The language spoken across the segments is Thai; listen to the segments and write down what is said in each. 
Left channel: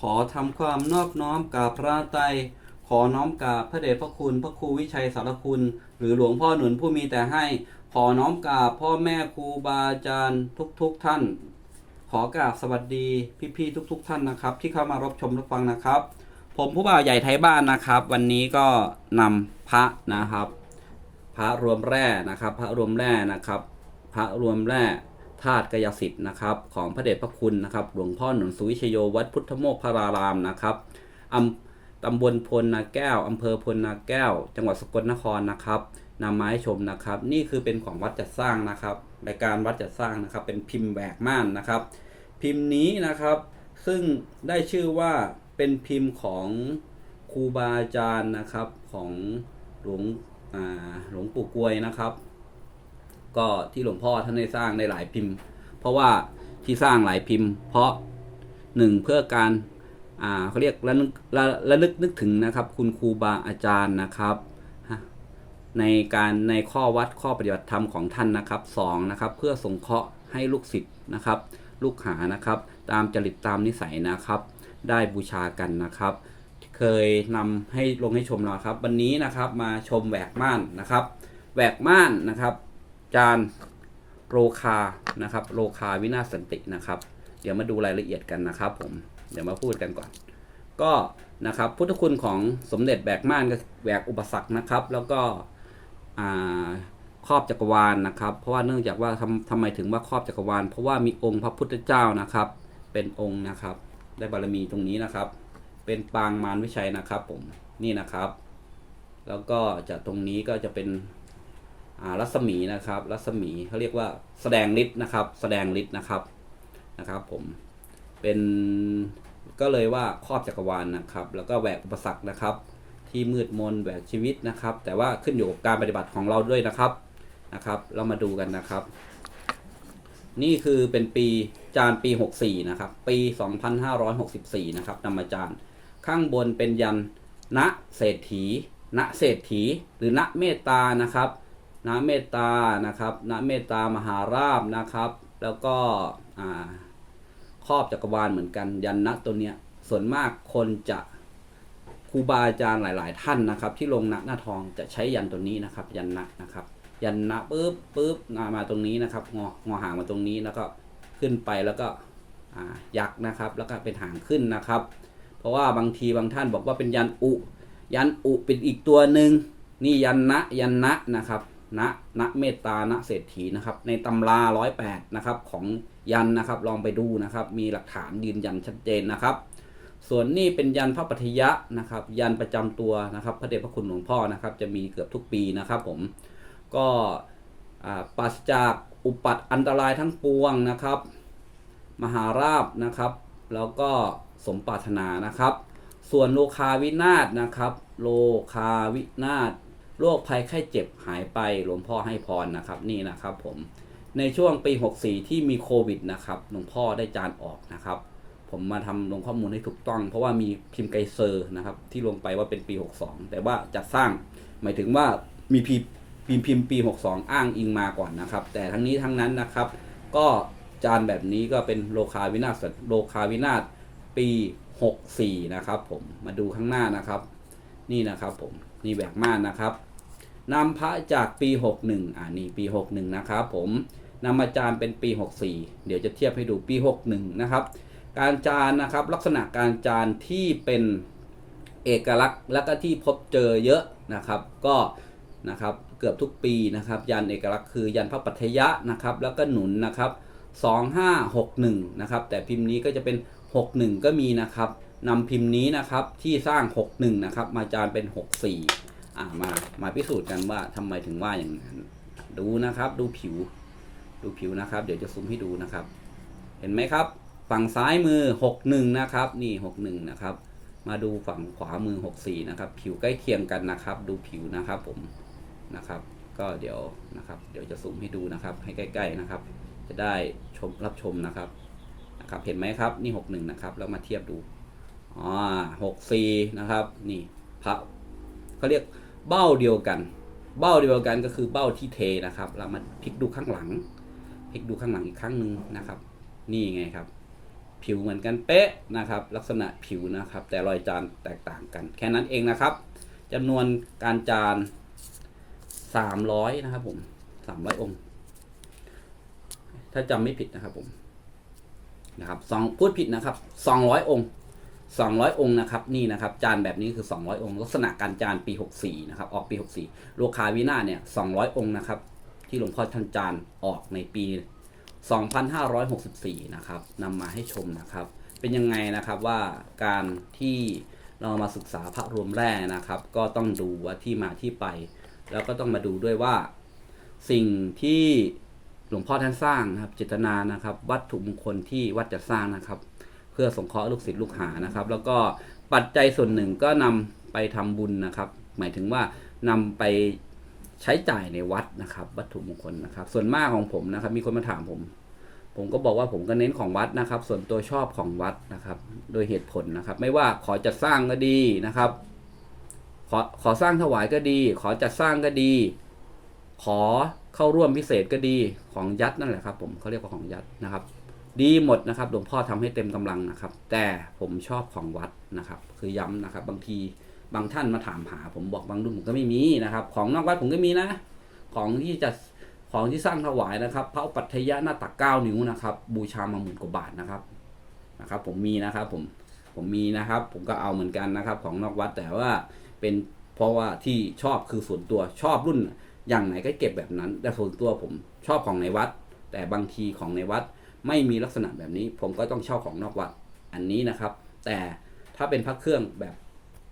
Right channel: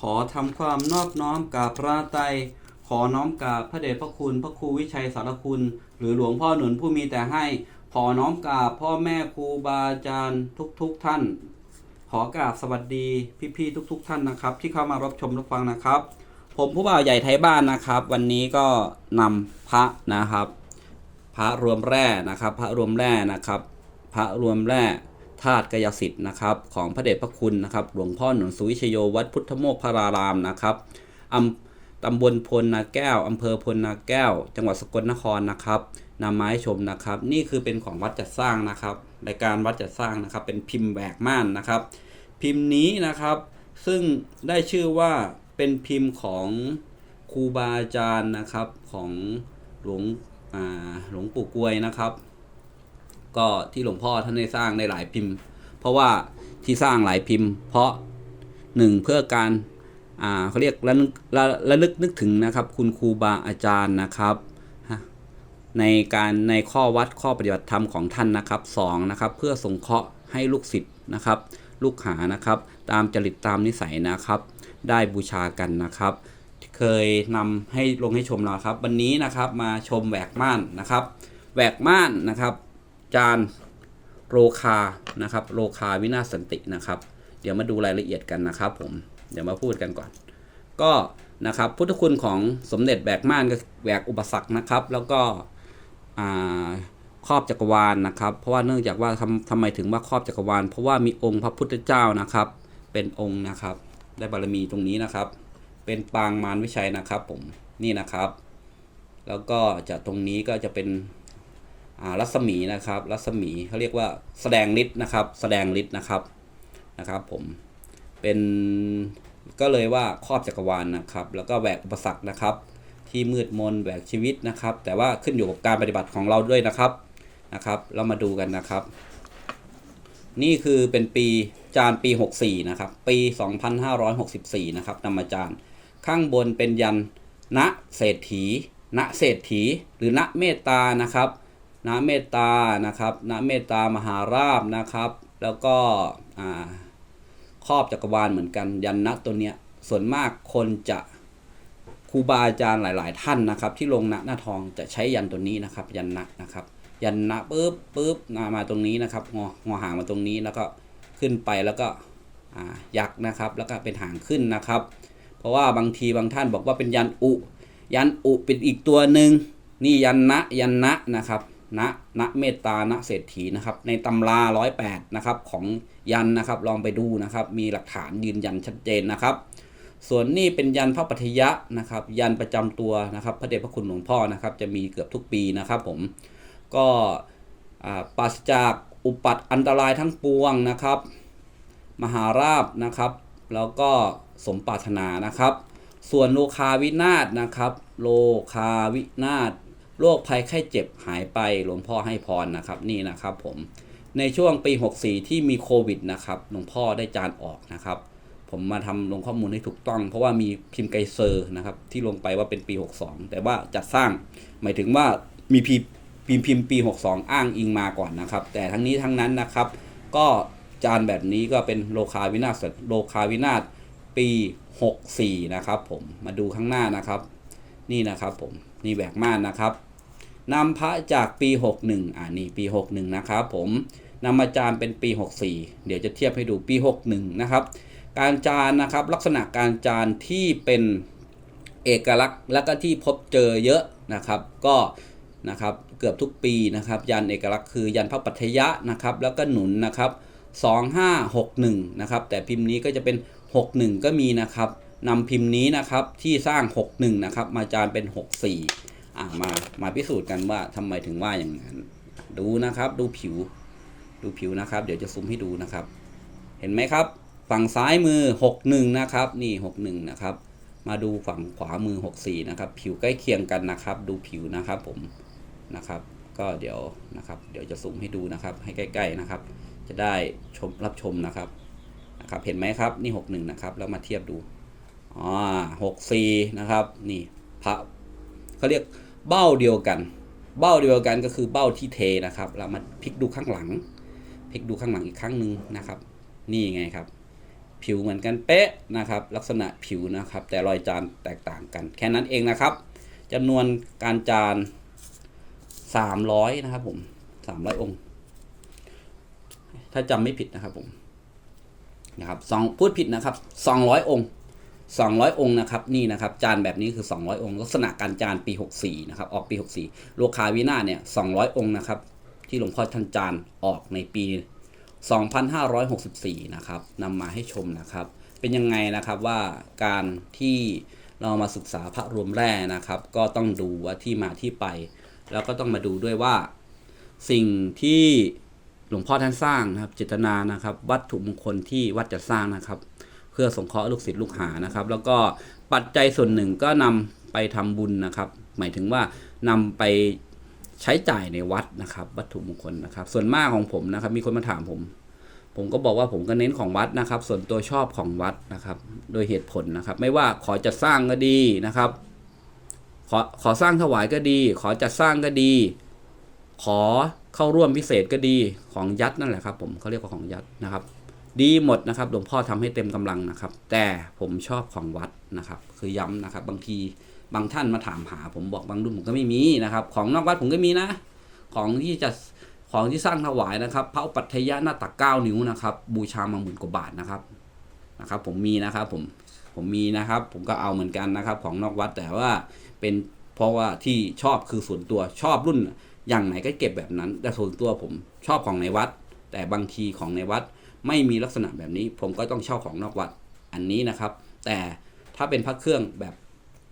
ขอทำความนอบน้อมกราบพระไตรขอน้อมกราบพระเดชพระคุณ พระครูวิชัยสารคุณ หรือหลวงพ่อหนุนผู้มีแต่ให้ ขอน้อมกราบพ่อแม่ครูบาอาจารย์ทุกๆทท่าน ขอกราบสวัสดีพี่ๆทุก ๆ ท่านนะครับ ที่เข้ามารับชมรับฟังนะครับ ผมผู้บ่าวใหญ่ไทยบ้านนะครับ วันนี้ก็นำพระนะครับ พระรวมแร่นะครับ พระรวมแร่นะครับ พระรวมแร่ ธาตุกายสิทธิ์นะครับของพระเดชพระคุณนะครับหลวงพ่อหนุนสุวิชโยวัดพุทธโมกขารารามนะครับอำตำบลพลนาแก้วอำเภอพลนาแก้ว จังหวัดสกลนครนะครับนำมาให้ชมนะครับ นี่คือเป็นของวัดจัดสร้างนะครับรายการวัดจัดสร้างนะครับ เป็นพิมพ์แหวกม่านนะครับ พิมพ์นี้นะครับ ซึ่งได้ชื่อว่าเป็นพิมพ์ของครูบาอาจารย์นะครับของหลวงหลวงปู่กวยนะครับ ก็ที่หลวงพ่อท่านได้สร้างในหลายพิมพ์ เพราะว่าที่สร้างหลายพิมพ์ เพราะหนึ่งเพื่อการอ่าเขาเรียกระลึกระระลึกนึกถึงนะครับ คุณครูบาอาจารย์นะครับในการในข้อวัดข้อปฏิบัติธรรมของท่านนะครับสองนะครับเพื่อสงเคราะห์ให้ลูกศิษย์นะครับ ลูกหานะครับ ตามจริตตามนิสัยนะครับ ได้บูชากันนะครับ เคยนำให้ลงให้ชมเราครับ วันนี้นะครับมาชมแหวกม่านนะครับ แหวกม่านนะครับ จานโรคานะครับโรคาวินาศสันตินะครับ เดี๋ยวมาดูรายละเอียดกันนะครับผมเดี๋ยวมาพูดกันก่อน ก็นะครับพุทธคุณของสมเด็จแบกม่านก็แบกอุปสรรคนะครับ แล้วก็ครอบจักรวาลนะครับ เพราะว่าเนื่องจากว่าทำทำไมถึงว่าครอบจักรวาล เพราะว่ามีองค์พระพุทธเจ้านะครับ เป็นองค์นะครับ ได้บารมีตรงนี้นะครับ เป็นปางมารวิชัยนะครับผมนี่นะครับ แล้วก็จะตรงนี้ก็จะเป็น รัศมีนะครับ รัศมีเขาเรียกว่าแสดงฤทธิ์นะครับ แสดงฤทธิ์นะครับนะครับ ผมเป็นก็เลยว่าครอบจักรวาลนะครับ แล้วก็แหวกอุปสรรคนะครับ ที่มืดมนแหวกชีวิตนะครับ แต่ว่าขึ้นอยู่กับการปฏิบัติของเราด้วยนะครับนะครับ เรามาดูกันนะครับ นี่คือเป็นปีจานปี 64 นะครับ ปี 2564 นะครับนำมาจานข้างบนเป็นยันณเศรษฐีณเศรษฐี หรือณเมตตานะครับ ณเมตตานะครับณเมตตามหาราบนะครับ แล้วก็ครอบจักรวาลเหมือนกันยันณตัวเนี้ยส่วนมากคนจะครูบาอาจารย์หลาย ๆ ท่านนะครับ ที่ลงณหน้าทองจะใช้ยันตัวนี้นะครับ ยันณนะครับ ยันณปุ๊บปุ๊บมามาตรงนี้นะครับงองอหางมาตรงนี้แล้วก็ขึ้นไปแล้วก็ยักษ์นะครับ แล้วก็เป็นหางขึ้นนะครับ เพราะว่าบางทีบางท่านบอกว่าเป็นยันอุ ยันอุเป็นอีกตัวหนึ่งนี่ยันนะยันนะนะครับ นะนะเมตตานะเศรษฐีนะครับ ในตำราร้อยแปดนะครับของยันนะครับ ลองไปดูนะครับ มีหลักฐานยืนยันชัดเจนนะครับ ส่วนนี่เป็นยันพระปัทยะนะครับ ยันประจำตัวนะครับ พระเดชพระคุณหลวงพ่อนะครับ จะมีเกือบทุกปีนะครับ ผมก็ปราศจากอุปัตอันตรายทั้งปวงนะครับ มหาราบนะครับ แล้วก็สมปรารถนานะครับ ส่วนโลคาวินาศนะครับ โลคาวินาศ โรคภัยไข้เจ็บหายไปหลวงพ่อให้พรนะครับนี่นะครับผมในช่วงปี 64 ที่มีโควิดนะครับหลวงพ่อได้จานออกนะครับ ผมมาทำลงข้อมูลให้ถูกต้อง เพราะว่ามีพิมพ์ไกเซอร์นะครับที่ลงไปว่าเป็นปี 62 แต่ว่าจัดสร้างหมายถึงว่ามีพิมพ์พิมพ์พิมพ์ปี 62 อ้างอิงมาก่อนนะครับ แต่ทั้งนี้ทั้งนั้นนะครับ ก็จานแบบนี้ก็เป็นโลคาวินาศโลคาวินาศปี 64 นะครับผมมาดูข้างหน้านะครับ นี่นะครับผม นี่แหวกม่านนะครับนำพระจากปี 61 อ่านี่ปี 61 นะครับผมนำมาจานเป็นปี 64 เดี๋ยวจะเทียบให้ดูปี 61 นะครับ การจานนะครับลักษณะการจานที่เป็นเอกลักษณ์และก็ที่พบเจอเยอะนะครับ ก็นะครับเกือบทุกปีนะครับ ยันเอกลักษณ์คือยันพระปัทยะนะครับ แล้วก็หนุนนะครับ 2561 นะครับ แต่พิมพ์นี้ก็จะเป็น 61 ก็มีนะครับ นำพิมพ์นี้นะครับที่สร้าง 61 นะครับ มาจานเป็น 64อ่ามามาพิสูจน์กันว่าทำไมถึงว่าอย่างนั้น ดูนะครับดูผิว ดูผิวนะครับ เดี๋ยวจะซูมให้ดูนะครับ เห็นไหมครับ ฝั่งซ้ายมือ 61 นะครับ นี่ 61 นะครับ มาดูฝั่งขวามือ 64 นะครับ ผิวใกล้เคียงกันนะครับ ดูผิวนะครับผมนะครับ ก็เดี๋ยวนะครับ เดี๋ยวจะซูมให้ดูนะครับ ให้ใกล้ ๆนะครับ จะได้ชมรับชมนะครับนะครับ เห็นไหมครับนี่ 61 นะครับ แล้วมาเทียบดู อ๋อ64นะครับ นี่พระเขาเรียกเบ้าเดียวกัน เบ้าเดียวกันก็คือเบ้าที่เทนะครับ เรามาพลิกดูข้างหลัง พลิกดูข้างหลังอีกครั้งหนึ่งนะครับ นี่ไงครับ ผิวเหมือนกันเป๊ะนะครับ ลักษณะผิวนะครับ แต่รอยจานแตกต่างกัน แค่นั้นเองนะครับจำนวนการจาน300นะครับผม300องค์ ถ้าจำไม่ผิดนะครับผมนะครับสองพูดผิดนะครับ200องค์ 200 องค์นะครับนี่นะครับจานแบบนี้คือ 200 องค์ ลักษณะการจานปี 64นะครับออกปี 64โลคาวินาเนี่ย200 องค์นะครับที่หลวงพ่อท่านจานออกในปี 2564 นะครับนำมาให้ชมนะครับ เป็นยังไงนะครับว่าการที่เรามาศึกษาพระรวมแร่นะครับ ก็ต้องดูว่าที่มาที่ไป แล้วก็ต้องมาดูด้วยว่า สิ่งที่หลวงพ่อท่านสร้างนะครับเจตนานะครับ วัตถุมงคลที่วัดจะสร้างนะครับ เพื่อสงเคราะห์ลูกศิษย์ลูกหานะครับ แล้วก็ปัจจัยส่วนหนึ่งก็นำไปทำบุญนะครับ หมายถึงว่านำไปใช้จ่ายในวัดนะครับ วัตถุมงคลนะครับ ส่วนมากของผมนะครับ มีคนมาถามผม ผมก็บอกว่าผมก็เน้นของวัดนะครับ ส่วนตัวชอบของวัดนะครับ โดยเหตุผลนะครับ ไม่ว่าขอจะสร้างก็ดีนะครับ ขอขอสร้างถวายก็ดี ขอจัดสร้างก็ดี ขอเข้าร่วมพิเศษก็ดีของยัดนั่นแหละครับ ผมเขาเรียกว่าของยัดนะครับ ดีหมดนะครับ หลวงพ่อทำให้เต็มกำลังนะครับ แต่ผมชอบของวัดนะครับ คือย้ำนะครับ บางทีบางท่านมาถามหา ผมบอกบางรุ่นผมก็ไม่มีนะครับ ของนอกวัดผมก็มีนะ ของที่จะของที่สร้างถวายนะครับพระปัฏฐยะหน้าตักเก้านิ้วนะครับ บูชามาหมื่นกว่าบาทนะครับนะครับ ผมมีนะครับผมผมมีนะครับ ผมก็เอาเหมือนกันนะครับ ของนอกวัดแต่ว่าเป็นเพราะว่าที่ชอบคือส่วนตัวชอบรุ่นอย่างไหนก็เก็บแบบนั้น แต่ส่วนตัวผมชอบของในวัด แต่บางทีของในวัด ไม่มีลักษณะแบบนี้ ผมก็ต้องเช่าของนอกวัดอันนี้นะครับ แต่ถ้าเป็นพระเครื่องแบบ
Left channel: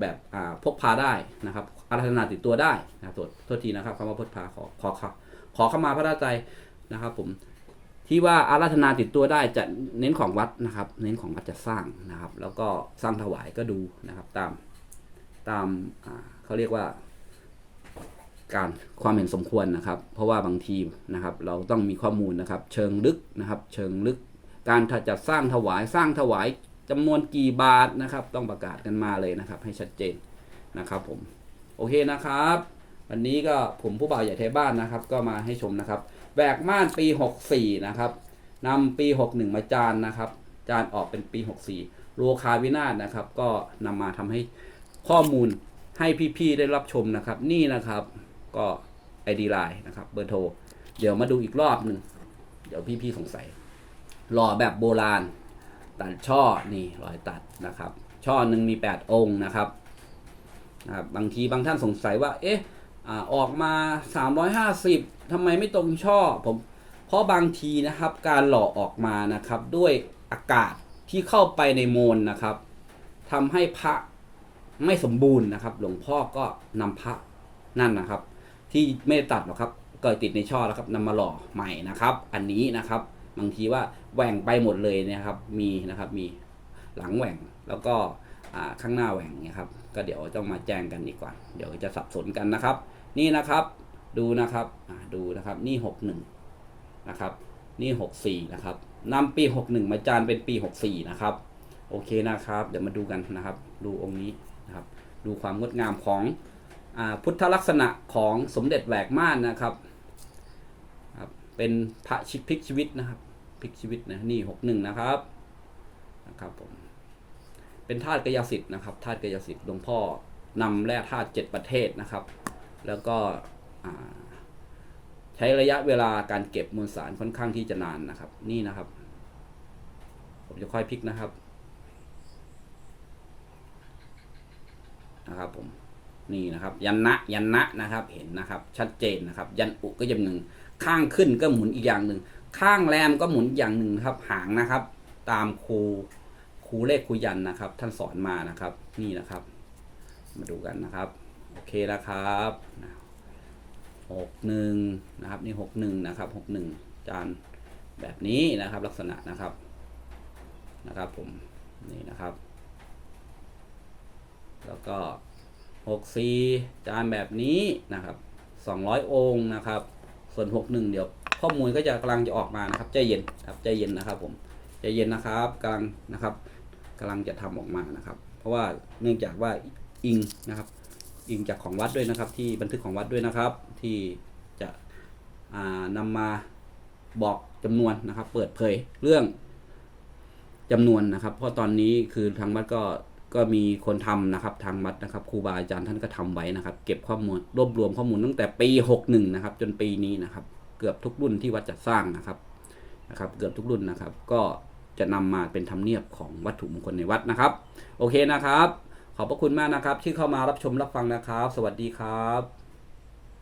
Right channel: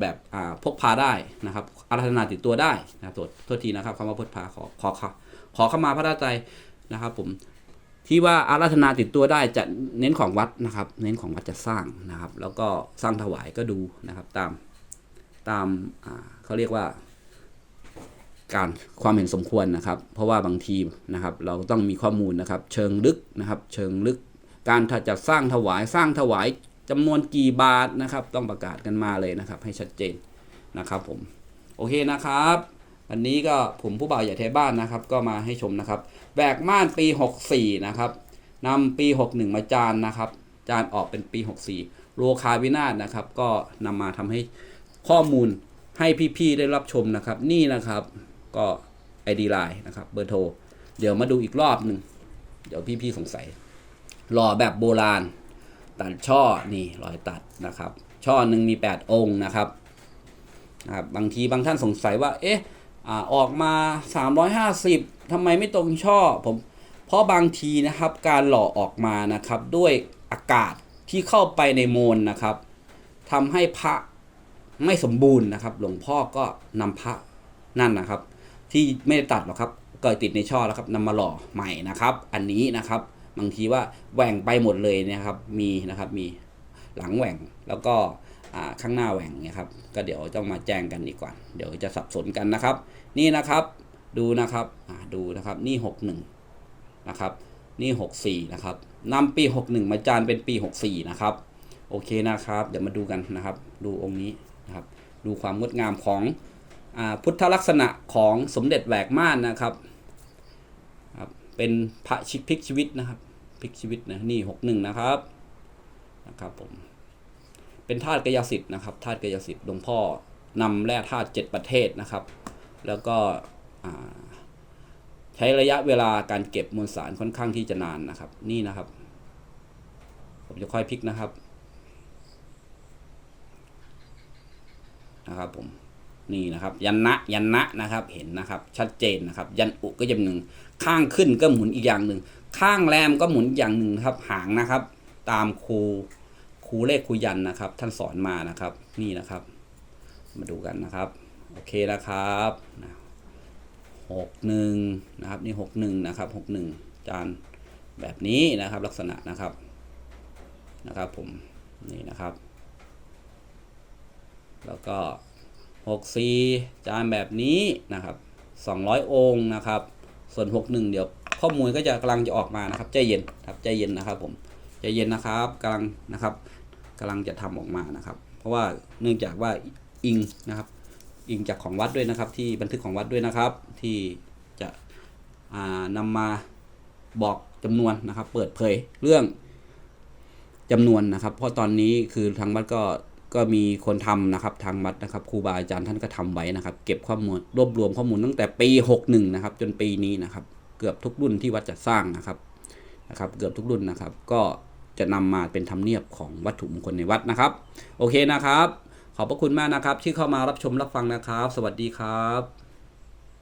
แบบอ่าพกพาได้นะครับอาราธนาติดตัวได้นะครับโทษทีนะครับคำว่าพกพาขอขอขอขอเข้ามาพระราชใจนะครับผมที่ว่าอาราธนาติดตัวได้จะเน้นของวัดนะครับ เน้นของวัดจะสร้างนะครับ แล้วก็สร้างถวายก็ดูนะครับตามตามเขาเรียกว่า การความเห็นสมควรนะครับ เพราะว่าบางทีนะครับ เราต้องมีข้อมูลนะครับ เชิงลึกนะครับ เชิงลึก การถ้าจะสร้างถวายสร้างถวายจำนวนกี่บาทนะครับ ต้องประกาศกันมาเลยนะครับ ให้ชัดเจนนะครับผมโอเคนะครับวันนี้ก็ผมผู้บ่าวใหญ่ไทยบ้านนะครับ ก็มาให้ชมนะครับแบกม่านปี 64 นะครับนำปี 61 มาจานนะครับ จานออกเป็นปี 64 โลคาวินาศนะครับ ก็นำมาทำให้ข้อมูลให้พี่ๆได้รับชมนะครับ นี่นะครับ ก็ ID Line นะครับเบอร์โทร เดี๋ยวมาดูอีกรอบหนึ่งเดี๋ยวพี่ๆสงสัยหล่อแบบโบราณ ตัดช่อนี่รอยตัดนะครับ ช่อหนึ่งมี 8 องค์นะครับนะครับ บางทีบางท่านสงสัยว่า เอ๊ะอ่าออกมา 350ทำไมไม่ตรงช่อผมเพราะบางทีนะครับการหล่อออกมานะครับด้วยอากาศที่เข้าไปในโมลนะครับทำให้พระไม่สมบูรณ์นะครับ หลวงพ่อก็นำพระนั่นนะครับ ที่ไม่ได้ตัดหรอกครับเกิดติดในช่อแล้วครับนำมาหล่อใหม่นะครับ อันนี้นะครับบางทีว่าแหว่งไปหมดเลยนะครับมีนะครับมีหลังแหว่งแล้วก็ข้างหน้าแหว่งเนี่ยครับก็เดี๋ยวต้องมาแจ้งกันอีกก่อน เดี๋ยวจะสับสนกันนะครับ นี่นะครับดูนะครับดูนะครับนี่หกหนึ่งนะครับนี่หกสี่นะครับนำปีหกหนึ่งมาจานเป็นปีหกสี่นะครับโอเคนะครับ เดี๋ยวมาดูกันนะครับ ดูองค์นี้นะครับ ดูความงดงามของ พุทธลักษณะของสมเด็จแหวกม่านนะครับ เป็นพระชิกพลิกชีวิตนะครับพลิกชีวิตนะนี่หกหนึ่งนะครับนะครับผมเป็นธาตุกายสิทธิ์นะครับธาตุกายสิทธิ์หลวงพ่อนำแร่ธาตุเจ็ดประเทศนะครับ แล้วก็ใช้ระยะเวลาการเก็บมวลสารค่อนข้างที่จะนานนะครับ นี่นะครับ ผมจะค่อยพลิกนะครับนะครับผม นี่นะครับ ยันนะยันนะนะครับเห็นนะครับ ชัดเจนนะครับ ยันอุก็จะหนึ่งข้างขึ้นก็หมุนอีกอย่างหนึ่งข้างแรมก็หมุนอย่างหนึ่งครับ หางนะครับ ตามครูครูเลขครูยันนะครับ ท่านสอนมานะครับ นี่นะครับ มาดูกันนะครับ โอเคนะครับหกหนึ่งนะครับ นี่หกหนึ่งนะครับหกหนึ่งจานแบบนี้นะครับ ลักษณะนะครับนะครับผมนี่นะครับ แล้วก็ 64จานแบบนี้นะครับ 200 องค์นะครับ ส่วน 61 เดี๋ยวข้อมูลก็จะกำลังจะออกมานะครับใจเย็นครับใจเย็นนะครับผมใจเย็นนะครับกำลังนะครับกำลังจะทำออกมานะครับ เพราะว่าเนื่องจากว่าอิงนะครับ อิงจากของวัดด้วยนะครับ ที่บันทึกของวัดด้วยนะครับ ที่จะอ่านำมาบอกจำนวนนะครับ เปิดเผยเรื่องจำนวนนะครับ เพราะตอนนี้คือทางวัดก็ ก็มีคนทำนะครับทางวัดนะครับครูบาอาจารย์ท่านก็ทำไว้นะครับ เก็บข้อมูลรวบรวมข้อมูลตั้งแต่ปี 61 นะครับ จนปีนี้นะครับ เกือบทุกรุ่นที่วัดจะสร้างนะครับนะครับ เกือบทุกรุ่นนะครับ ก็จะนำมาเป็นธรรมเนียบของวัตถุมงคลในวัดนะครับ โอเคนะครับ ขอบพระคุณมากนะครับ ที่เข้ามารับชมรับฟังนะครับ สวัสดีครับ